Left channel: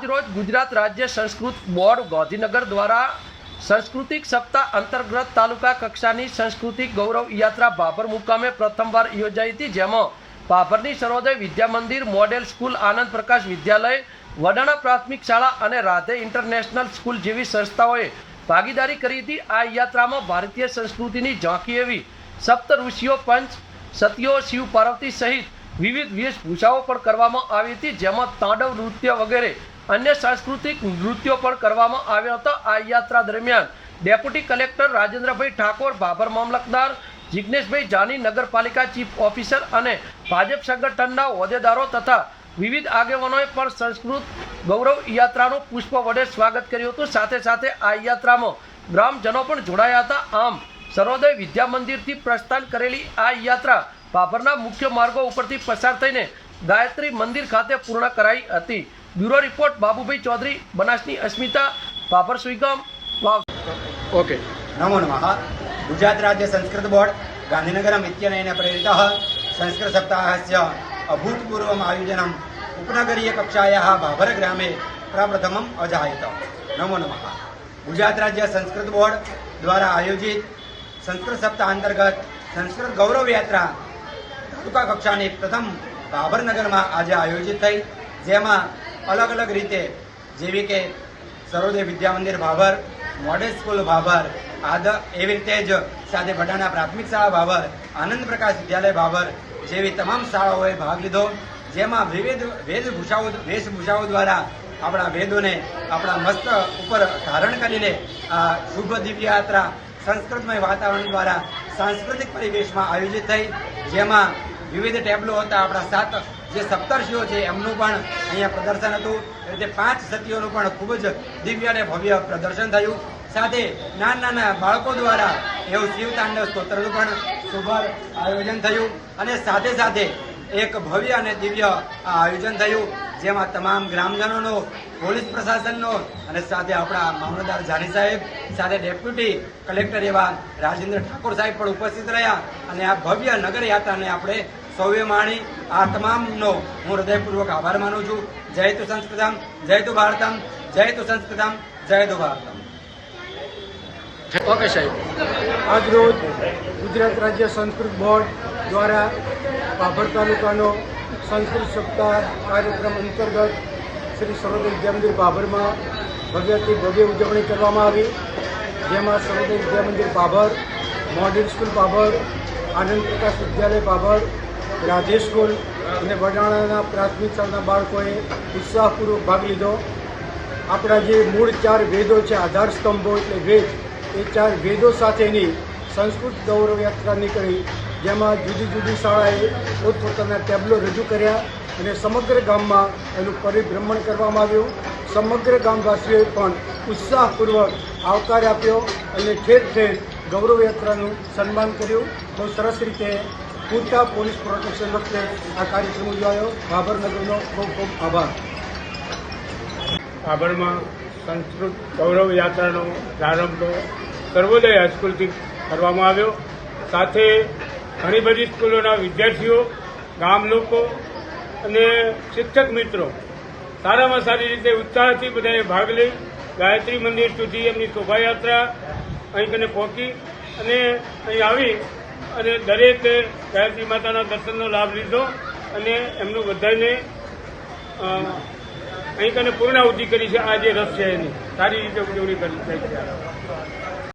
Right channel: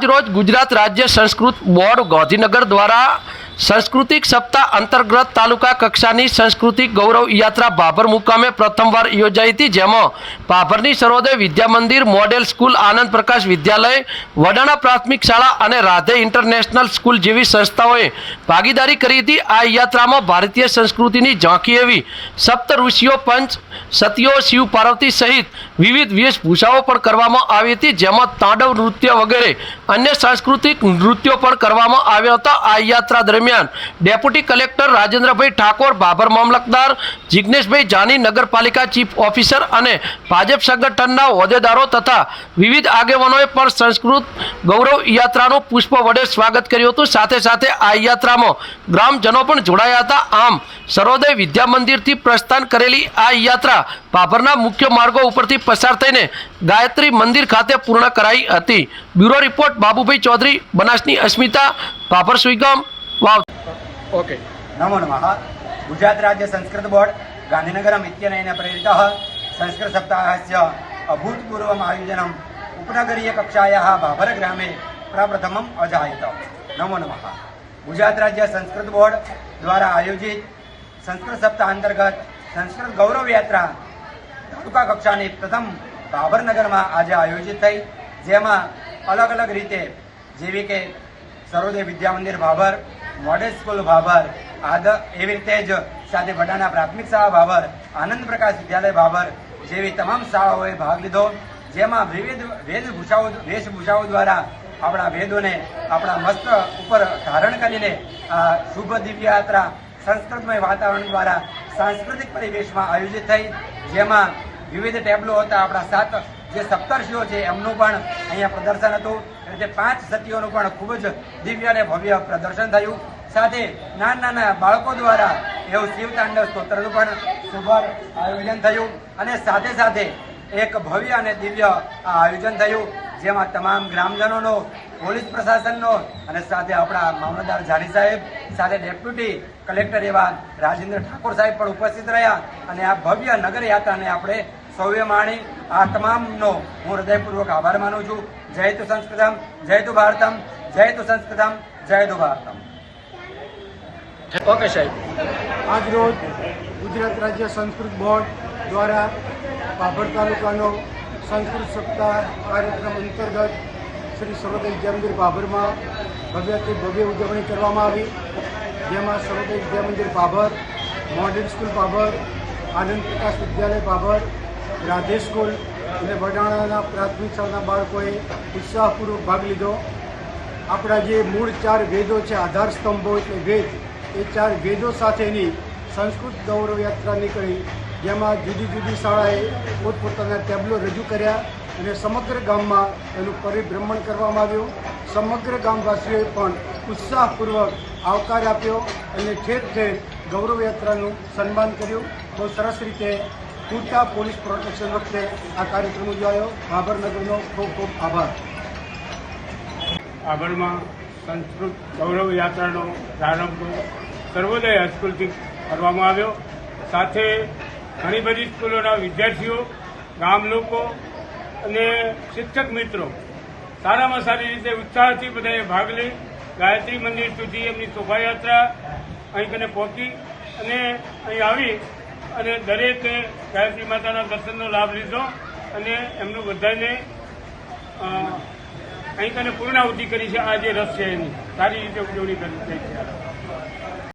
આજ રોજ ગુજરાત રાજ્ય સંસ્કૃત બોર્ડ ગાંધીનગર દ્વારા सांस्कृतिक सप्ताह अंतर्गत तालुका कक्षानी सांस्कृतिक गौरव यात्रा भाभर मुकामे प्रथमवार योजाई थी, जेमां भाभरनी सर्वोदय विद्या मंदिर, मॉडल स्कूल, आनंद प्रकाश विद्यालय, वडाणा प्राथमिक शाळा અને રાધે ઇન્ટરનેશનલ સ્કૂલ જેવી સંસ્થાઓએ ભાગીદારી કરી હતી। આ યાત્રામાં ભારતીય સંસ્કૃતિની ઝાંખી એવી સપ્ત ઋષિઓ, પંચ સતીઓ, શિવ પાર્વતી સહિત વિવિધ વેશભૂષાઓ પણ કરવામાં આવી હતી, જેમાં તાંડવ નૃત્ય વગેરે અન્ય સાંસ્કૃતિક નૃત્યો પણ કરવામાં આવ્યા હતા। આ યાત્રા દરમિયાન ડેપ્યુટી કલેક્ટર રાજેન્દ્રભાઈ ઠાકોર, ભાભર મામલતદાર જિગ્નેશભાઈ જાની, નગરપાલિકા ચીફ ઓફિસર અને ભાજપ સંગઠનના હોદ્દેદારો તથા વિવિધ આગેવાનોએ પણ સંસ્કૃત ગૌરવ યાત્રાનું પુષ્પ વડે સ્વાગત કર્યું હતું। સાથે સાથે આ યાત્રામાં ગ્રામજનો પણ જોડાયા હતા। આમ સર્વોદય વિદ્યા મંદિરથી પ્રસ્થાન કરેલી આ યાત્રા ભાભરના મુખ્ય માર્ગો ઉપરથી પસાર થઈને ગાયત્રી મંદિર ખાતે પૂર્ણ કરાઈ હતી। બ્યુરો રિપોર્ટ બાબુભાઈ ચૌધરી, બનાસની અસ્મિતા, ભાભર સુઈગામ વાવ। ओके नमो नमः। गुजरात राज्य संस्कृत बोर्ड गांधीनगरम् इत्यनेन प्रेरितः संस्कृत सप्ताहस्य अभूतपूर्वम् आयोजनम् उपनगरीय कक्षायाः भाभर ग्रामे प्रप्रथमम् अजायत। नमो नमः। गुजरात राज्य संस्कृत बोर्ड द्वारा आयोजित संस्कृत सप्ताह अंतर्गत संस्कृत गौरव यात्रा तालुका कक्षानी प्रथम भाभर नगरमां आज आयोजित थई, जेमां अलग अलग रीते जेवी के सर्वोदय विद्या मंदिर भाभर, मॉडल स्कूल भाभर, एवी रीते ज साथे वडाणा प्राथमिक शाळा भाभर, आनंद प्रकाश विद्यालय भाभर जेवी तमाम शाळाओए भाग लीधो, जेमां विविध वेशभूषाओ द्वारा आपણા વેદોને આપણા મસ્ત ઉપર ધારણ કરીને શુભ દિવ્ય યાત્રા સંસ્કૃતમય વાતાવરણ દ્વારા સાંસ્કૃતિક પરિવેશમાં આયોજિત થઈ, જેમાં વિવિધ ટેબલો હતા। આપણા 7 જે સપ્તર્ષિઓ છે એમનું પણ અહીંયા પ્રદર્શન હતું। એ રીતે 5 સતીઓનું પણ ખૂબ જ દિવ્ય અને ભવ્ય પ્રદર્શન થયું। સાથે નાના બાળકો દ્વારા એવું શિવતાંડવ સ્તોત્રનું પણ શુભ આયોજન થયું અને સાથે સાથે એક ભવ્ય અને દિવ્ય આયોજન થયું, જેમાં તમામ ગ્રામજનોનો, પોલીસ પ્રશાસનનો અને સાથે આપણા મામલતદાર જાની સાહેબ, સાથે ડેપ્યુટી કલેક્ટર એવા રાજેન્દ્ર ઠાકોર સાહેબ પણ ઉપસ્થિત રહ્યા અને આ ભવ્ય નગર યાત્રાને આપણે સૌએ માણી। આ તમામનો હું હૃદયપૂર્વક આભાર માનું છું। જય તુ સંસ્કૃતમ, જય તુ ભારતમ, જય તુ સંસ્કૃતમ, જય તુ ભારતમ। ओके साहेब। आज रोज गुजरात राज्य संस्कृत बोर्ड द्वारा भाभर तालुकानो संस्कृत सप्ताह कार्यक्रम अंतर्गत श्री सर्वोदय विद्या मंदिर भाभर में भव्यથી ભવ્ય ઉજવણી કરવામાં આવી, જેમાં સર્વોદય વિદ્યા મંદિર ભાભર, મોડલ સ્કૂલ ભાભર, આનંદ પ્રકાશ વિદ્યાલય ભાભર, રાધે સ્કૂલ અને વડાણાના પ્રાથમિક શાળાના બાળકોએ ઉત્સાહપૂર્વક ભાગ લીધો। આપણા જે મૂળ 4 વેદો છે, આધાર સ્તંભો એટલે વેદ, એ 4 વેદો સાથેની સંસ્કૃત ગૌરવ યાત્રા નીકળી, જેમાં જુદી જુદી શાળાએ પોતપોતાના ટેબલો રજૂ કર્યા અને સમગ્ર ગામમાં એનું પરિભ્રમણ કરવામાં આવ્યું। સમગ્ર ગામવાસીઓએ પણ ઉત્સાહપૂર્વક આવકાર આપ્યો અને ઠેર ઠેર ગૌરવ યાત્રાનું સન્માન કર્યું। બહુ સરસ રીતે પૂરતા પોલીસ પ્રોટેક્શન વખતે આ કાર્યક્રમ ઉજવાયો। ભાભર નગરનો ખૂબ ખૂબ આભાર। ભાભરમાં સંસ્કૃત ગૌરવ યાત્રાનો પ્રારંભ સર્વોદય હાઈસ્કૂલથી કરવામાં આવ્યો। સાથે ઘણી બધી સ્કૂલોના વિદ્યાર્થીઓ, ગામ લોકો અને શિક્ષક મિત્રો સારામાં સારી રીતે ઉત્સાહથી બધાએ ભાગ લઈ ગાયત્રી મંદિર સુધી એમની શોભાયાત્રા અહીં કને પહોંચી અને અહીં આવી અને દરેકે ગાયત્રી માતાના દર્શનનો લાભ લીધો અને એમનું બધાને અહીં કને પૂર્ણાહુતિ કરી છે। આ જે રસ છે એની સારી રીતે ઉજવણી કરી છે।